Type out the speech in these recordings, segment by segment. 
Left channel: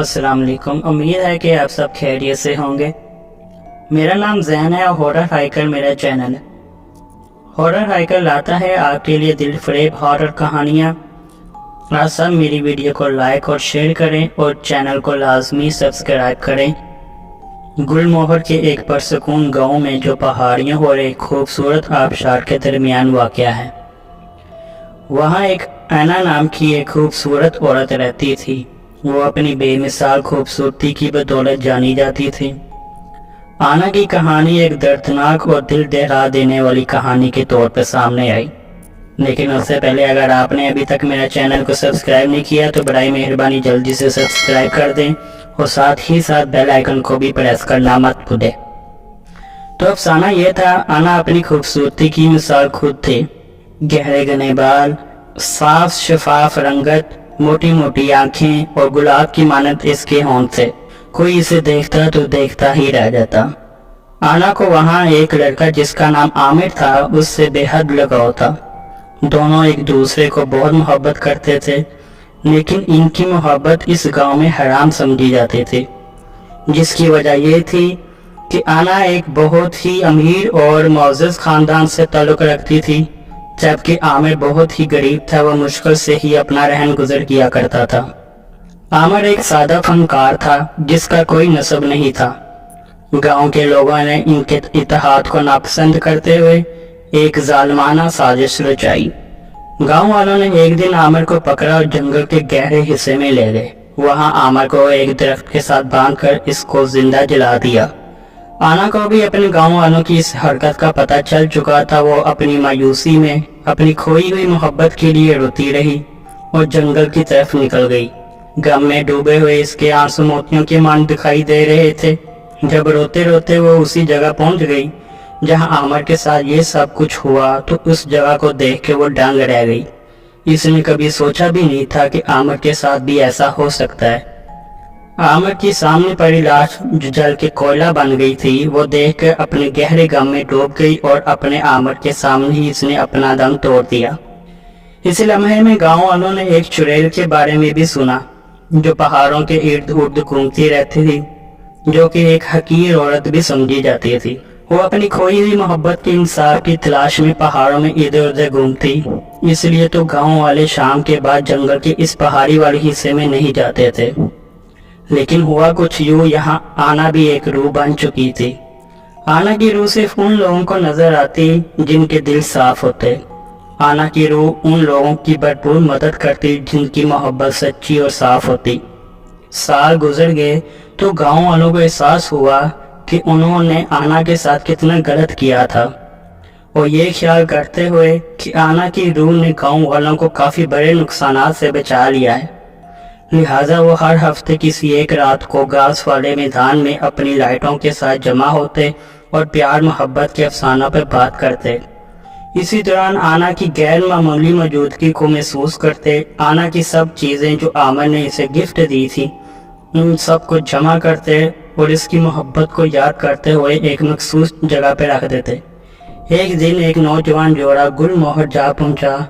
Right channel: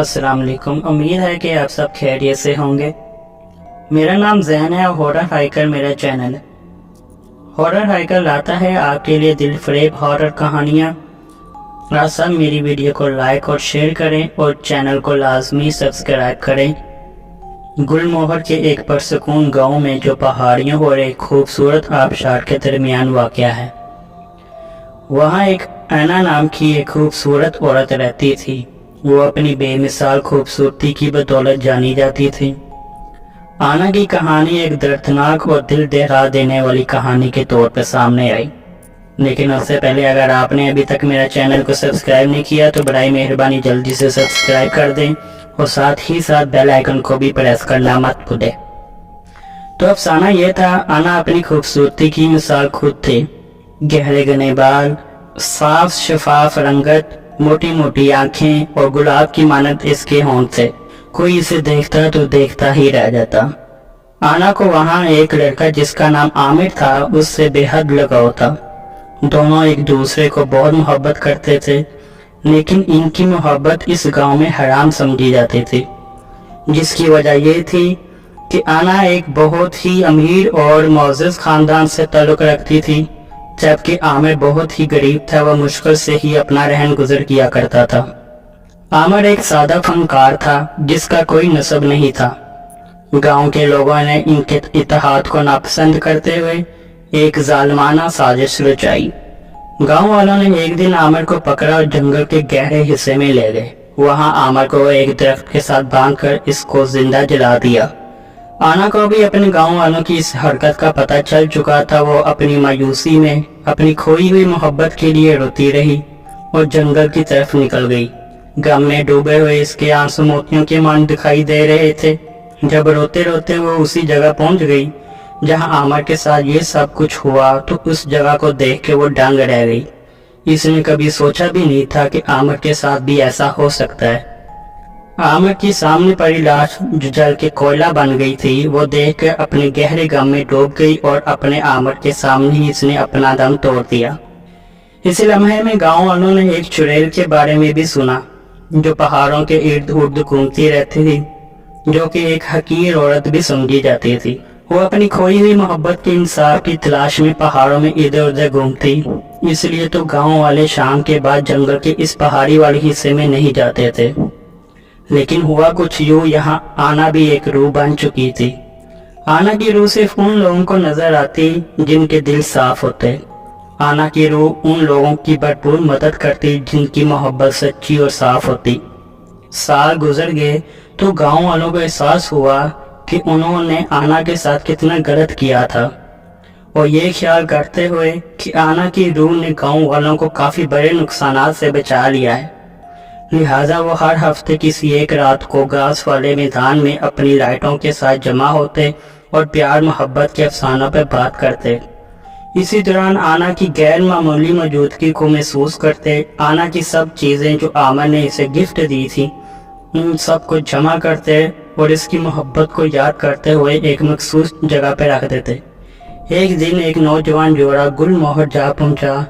अस्सलाम वालेकुम। उम्मीद है कि आप सब खैरियत से होंगे। मेरा नाम जैन है और हॉरर हाइकर मेरा चैनल है। हॉरर हाइकर लाता है आपके लिए दिल फरेब हॉरर कहानियाँ। आप सब मेरी वीडियो को लाइक और शेयर करें और चैनल को लाजमी सब्सक्राइब करें। गुलमोहर के एक परसकून गांव में जो पहाड़ियों और एक खूबसूरत आबशार के दरमियान वाक़या है, वहाँ एक ऐना नाम की एक खूबसूरत औरत रहती थी। वो अपनी बेमिसाल खूबसूरती की बदौलत जानी जाती थी। आना की कहानी एक दर्दनाक और दिल दहला देने वाली कहानी के तौर पर सामने आई, लेकिन उससे पहले अगर आपने अभी तक मेरा चैनल को सब्सक्राइब नहीं किया तो बराए मेहरबानी जल्दी से सब्सक्राइब कर दें और साथ ही साथ बेल आइकन को भी प्रेस करना मत भूलें। तो अफसाना ये था, आना अपनी खूबसूरती की मिसाल खुद थे। गहरे घने बाल, साफ शफाफ रंगत, मोटी मोटी आंखें और गुलाब की मानत इसके होंठ थे। कोई इसे देखता तो देखता ही रह जाता। आना को वहाँ एक लड़का जिसका नाम आमिर था उससे बेहद लगाव था। दोनों एक दूसरे को बहुत मोहब्बत करते थे, लेकिन इनकी मोहब्बत इस गांव में हराम समझी जाती थी, जिसकी वजह यह थी कि आना एक बहुत ही अमीर और मुअज़्ज़ज़ खानदान से ताल्लुक़ रखती थी, जबकि आमिर बहुत ही गरीब था। वह मुश्किल से ही अपना रहन गुजर किया करता था। आमिर एक सादा फनकार था जिसका कोई नस्ब नहीं था। गांव के लोगों ने इनके इत्तेहाद को नापसंद करते हुए एक जालिमाना साजिश रचाई। गांव वालों ने एक दिन आमिर को पकड़ा और जंगल के गहरे हिस्से में ले गए। वहां आमिर को एक दरख्त के साथ बांधकर इसको जिंदा जला दिया। आना को भी अपने गांव वालों की इस हरकत का पता चल चुका था। वो अपनी मायूसी में अपनी खोई हुई मोहब्बत के लिए रोती रही और जंगल की तरफ निकल गई। गम में डूबे हुए इसके आंसू मोतियों के मान दिखाई दे रहे थे। जब रोते रोते वो उसी जगह पहुंच गई जहां आमिर के साथ ये सब कुछ हुआ, तो उस जगह को देख के वो दंग रह गई। इसने कभी सोचा भी नहीं था कि आमिर के साथ भी ऐसा हो सकता है। आमिर की सामने पड़ी लाश जो जल के कोयला बन गई थी, वो देखकर अपने गहरे गम में डूब गई और अपने आमिर के सामने ही इसने अपना दम तोड़ दिया। इस लम्हे में गांव वालों ने एक चुड़ैल के बारे में भी सुना जो पहाड़ों के इर्द उर्द घूमती रहती थी, जो कि एक हकीर औरत भी समझी जाती थी। वो अपनी खोई हुई मोहब्बत के इंसाफ की तलाश में पहाड़ों में इधर उधर घूमती, इसलिए तो गांव वाले शाम के बाद जंगल के इस पहाड़ी वाले हिस्से में नहीं जाते थे। लेकिन हुआ कुछ यूँ, यहाँ आना भी एक रूह बन चुकी थी। आना की रूह सिर्फ उन लोगों को नजर आती जिनके दिल साफ होते। आना की रूह उन लोगों की भरपूर मदद करती जिनकी मोहब्बत सच्ची और साफ होती। साल गुजर गए तो गांव वालों को एहसास हुआ कि उन्होंने आना के साथ कितना गलत किया था, और ये ख्याल करते हुए कि आना की रूह ने गांव वालों को काफ़ी बड़े नुकसानात से बचा लिया है, लिहाजा वो हर हफ्ते किसी एक रात को घास वाले मैदान में अपनी लाइटों के साथ जमा होते और प्यार मोहब्बत के अफसानों पर बात करते। इसी दौरान आना की गैर मामूली मौजूदगी को महसूस करते। आना की सब चीज़ें जो आमिर ने इसे गिफ्ट दी थी उन सब को जमा करते और इसकी मोहब्बत को याद करते हुए एक मखसूस जगह पर रख देते। एक दिन एक नौजवान जोड़ा गुलमोहर जा पहुंचा,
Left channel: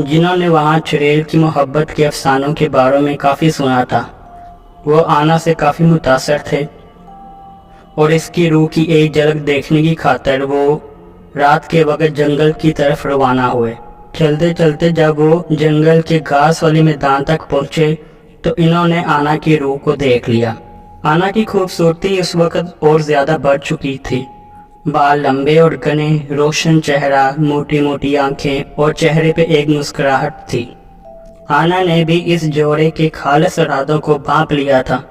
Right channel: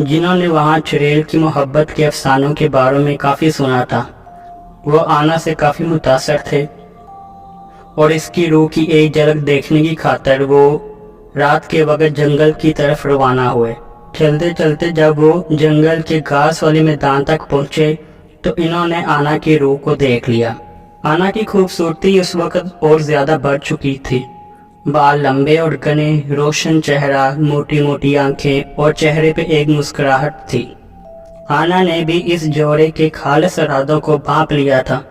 जिन्होंने वहां चुड़ैल की मोहब्बत के अफसानों के बारे में काफ़ी सुना था। वो आना से काफ़ी मुतासर थे और इसकी रूह की एक झलक देखने की खातिर वो रात के वक्त जंगल की तरफ रवाना हुए। चलते चलते जब वो जंगल के घास वाले मैदान तक पहुंचे तो इन्होंने आना की रूह को देख लिया। आना की खूबसूरती उस वक्त और ज़्यादा बढ़ चुकी थी। बाल लंबे और घने, रोशन चेहरा, मोटी मोटी आंखें और चेहरे पे एक मुस्कुराहट थी। आना ने भी इस जोड़े के खालिस इरादों को भांप लिया था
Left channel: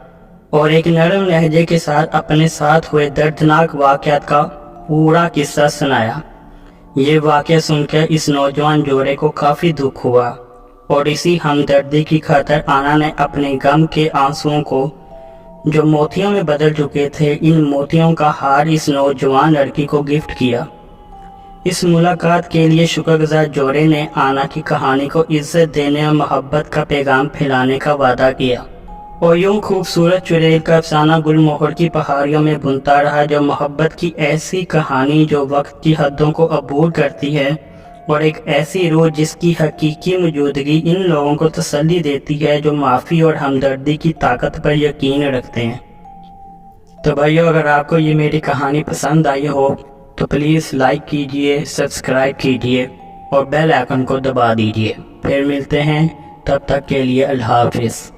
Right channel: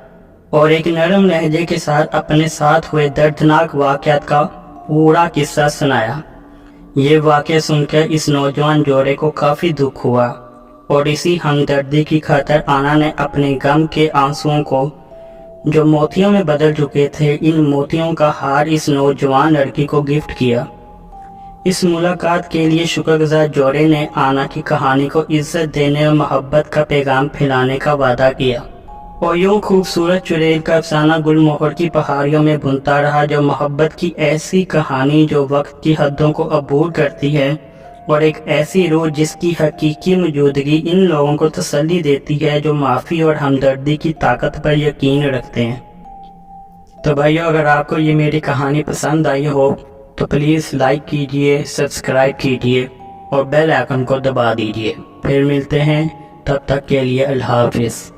और एक नरम लहजे के साथ अपने साथ हुए दर्दनाक वाक़यात का पूरा किस्सा सुनाया। ये वाक़या सुनकर इस नौजवान जोड़े को काफ़ी दुख हुआ और इसी हमदर्दी की खातिर आना ने अपने गम के आंसुओं को जो मोतियों में बदल चुके थे, इन मोतियों का हार इस नौजवान लड़की को गिफ्ट किया। इस मुलाकात के लिए शुक्रगुजार जोड़े ने आना की कहानी को इज्जत देने और मोहब्बत का पैगाम फैलाने का वादा किया और यूँ खूबसूरत चुड़ैल का अफसाना गुलमोहर की पहाड़ियों में बुनता रहा। जो मोहब्बत की ऐसी कहानी जो वक्त की हदों को अबूर करती है اور ایک ایسی روح جس کی حقیقی موجودگی ان لوگوں کو تسلی دیتی ہے جو معافی اور ہمدردی کی طاقت پر یقین رکھتے ہیں۔ تو بھائیو، اگر آپ کو یہ میری کہانی پسند آئی ہو تو پلیز لائک کیجئے، سبسکرائب کیجئے اور بیل آئیکن کو دبا دیجئے۔ پھر ملتے ہیں، تب تک کے لیے اللہ حافظ۔